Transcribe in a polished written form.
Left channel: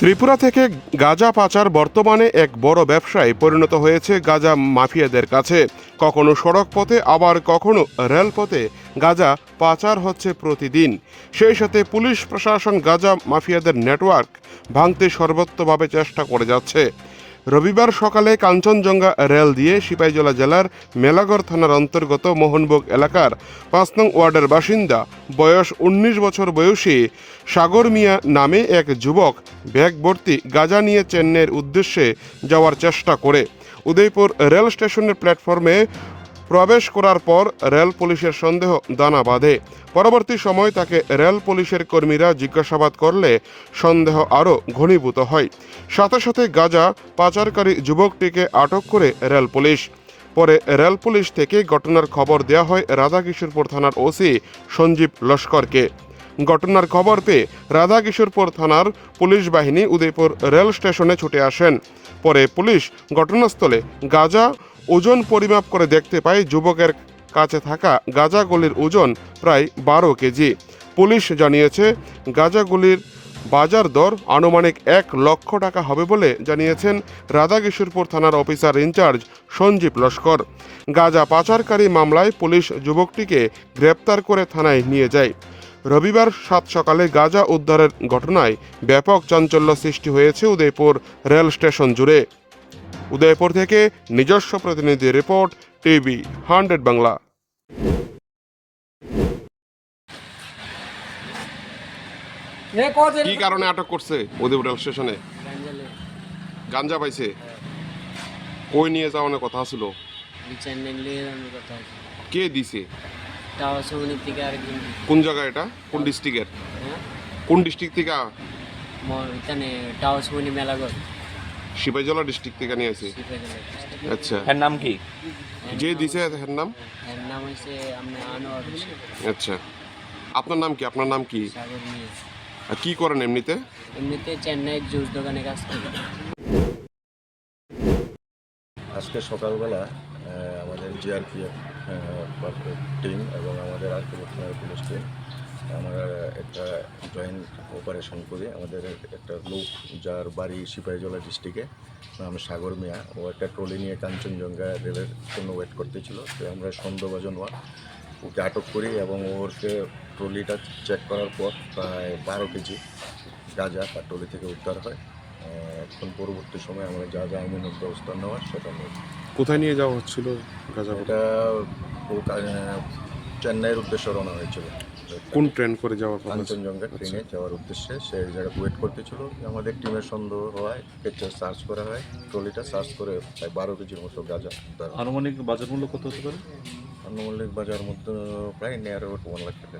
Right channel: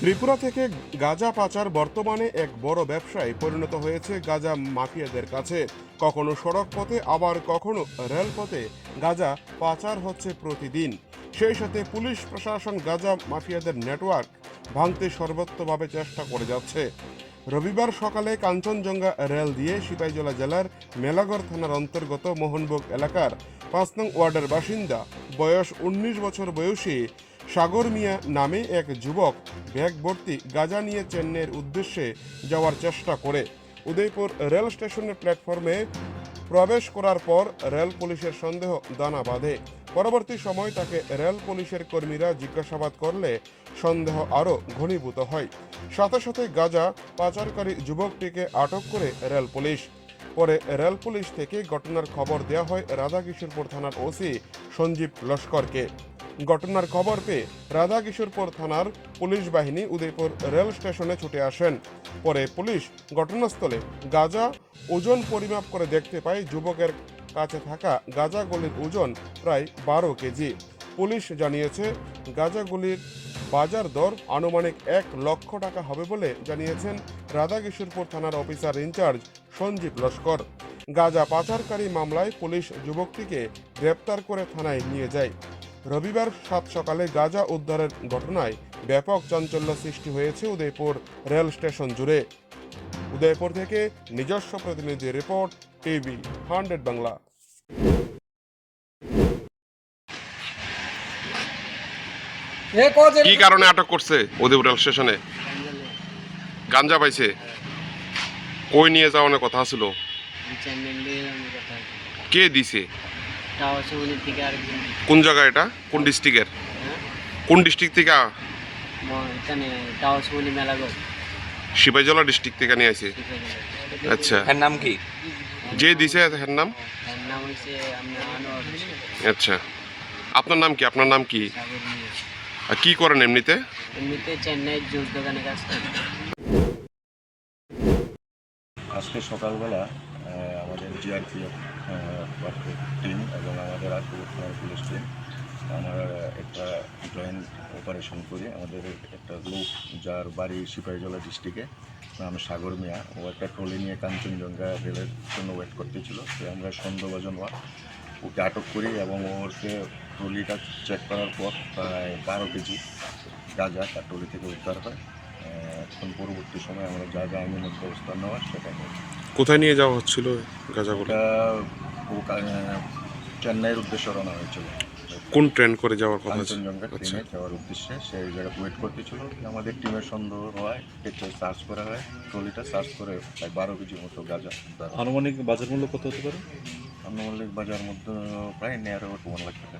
ত্রিপুরা থেকে গাঁজা পাচার বর্তমানে এক বড় ব্যবসায় পরিণত হয়েছে গাঁজা মাফিয়াদের কাছে। কখনো সড়ক পথে আবার কখনো রেলপথে গাঁজা পাচার হচ্ছে প্রতিদিন। সেই সাথে পুলিশ প্রশাসন গাঁজা মাফিয়াদের নেটওয়ার্ক ভাঙতে সর্বোচ্চভাবে চেষ্টা করে যাচ্ছে। রবিবার সকালে কাঞ্চনজঙ্ঘা রেল দিয়ে সিপাহীজলা জেলার মেলাগড় থানার অন্তর্গত মোহনভোগ এলাকার ৫ নং ওয়ার্ডের বাসিন্দা বয়স ১৯ বছর বয়সী সাগর মিয়া নামে এক যুবক ব্যাগ ভর্তি গাঁজা নিয়ে চেন্নাইয়ের উদ্দেশ্যে যাওয়ার চেষ্টা করে উদয়পুর রেল স্টেশনের প্ল্যাটফর্মে প্রবেশ করার পর রেল পুলিশের সন্দেহ দানা বাঁধে। পরবর্তী সময় তাকে রেল পুলিশের কর্মীরা জিজ্ঞাসাবাদ করলে সন্দেহ আরও ঘনীভূত হয়। সাথে সাথে গাঁজা পাচারকারী যুবকটিকে আটক করে রেল পুলিশ। পরে রেল পুলিশ থেকে ঘটনার খবর দেওয়া হয় রাধাকিশোরপুর থানার ওসি সঞ্জীব লস্করকে। ঘটনার খবর পেয়ে রাধাকিশোরপুর থানার পুলিশ বাহিনী উদয়পুর রেল স্টেশনে ছুটে আসেন। পরে পুলিশ ঘটনাস্থলে গাঁজা ওজন পরিমাপ করে দেখতে পায় যুবকের কাছে থাকা গাঁজাগুলির ওজন প্রায় ১২ কেজি। পুলিশ জানিয়েছে গাঁজাগুলির বাজার দর আনুমানিক ১ লক্ষ টাকা হবে বলে জানিয়েছেন রাধাকিশোরপুর থানার অফিসার ইনচার্জ সঞ্জীব লস্কর। গাঁজা পাচারকারী মামলায় পুলিশ যুবকটিকে গ্রেপ্তার করে থানায় নিয়ে যায়। রবিবার সাত সকালে গাঁজা উদ্ধারের ঘটনায় ব্যাপক চাঞ্চল্য সৃষ্টি হয়েছে উদয়পুর রেল স্টেশন জুড়ে। উদয়পুর থেকে নিজস্ব প্রতিনিধি রিপোর্ট, টিভি 100 বাংলা। কি কারণে আটক করছে উদয়পুর রেল স্টেশনে? গাঞ্জা পাইছে। কই নিয়ে যাওয়ার কথা ছিল? কে দিছে? কোন জায়গা এটা? কোন ডিস্ট্রিক্টের? কোন ডিস্ট্রিক্ট থেকে? সিপাহীজলা ডিস্ট্রিক্ট থেকে নিয়ে আসে। আচ্ছা, এর নাম কি? যে দিছে এর নাম? আচ্ছা, আপনার নাম কি? আপনার নাম কি? আর কি করেন এমনিতে? চেন্নাই জুস দোকানে কাজ করি। আজকে সকালবেলা আমাদের জিআরপিএফ টিম এবং আমাদের আরপিএফ পুলিশ টিম আমরা একটা জয়েন্ট অপারেশন করি। আমাদের একটা লোক যার বাড়ি সিপাহীজলা ডিস্ট্রিক্টে, নাম সাগর মিয়া, ও একটা ট্রলি নিয়ে কাঞ্চনজঙ্ঘা রেলের জন্য ওয়েট করতেছিল। তো আমরা সন্দেহভাজন ওকে আটক করি এবং ওরকে ট্রলিটা চেক করার পর প্রায় ১২ কেজি গাঁজা তার ট্রলি থেকে উদ্ধার হয়। এখন পরবর্তী সময় আমরা যা যা আইনের ব্যবস্থা নেওয়ার সেটা নেই। কোথায় নিয়ে যাওয়া হচ্ছিল গাঁজাগুলো? ওটা ও চেন্নাইয়ের উদ্দেশ্যে রওনা হয়েছিল। কোন ট্রেন করে যাওয়ার কথা? কাঞ্চনজঙ্ঘা ট্রেনে যাওয়ার উদ্দেশ্যে সেই জায়গায় ওয়েট করতেছিল। আমাদের টিমের সন্দেহ হয়, সার্চ করা হয়, ট্রলিটা সার্চ করে প্রায় ১২ কেজির মতো গাঁজা। আনুমানিক বাজার মূল্য কত হতে পারে? আনুমানিক বাজার মধ্যে প্রায় ১.৫ লাখ টাকা।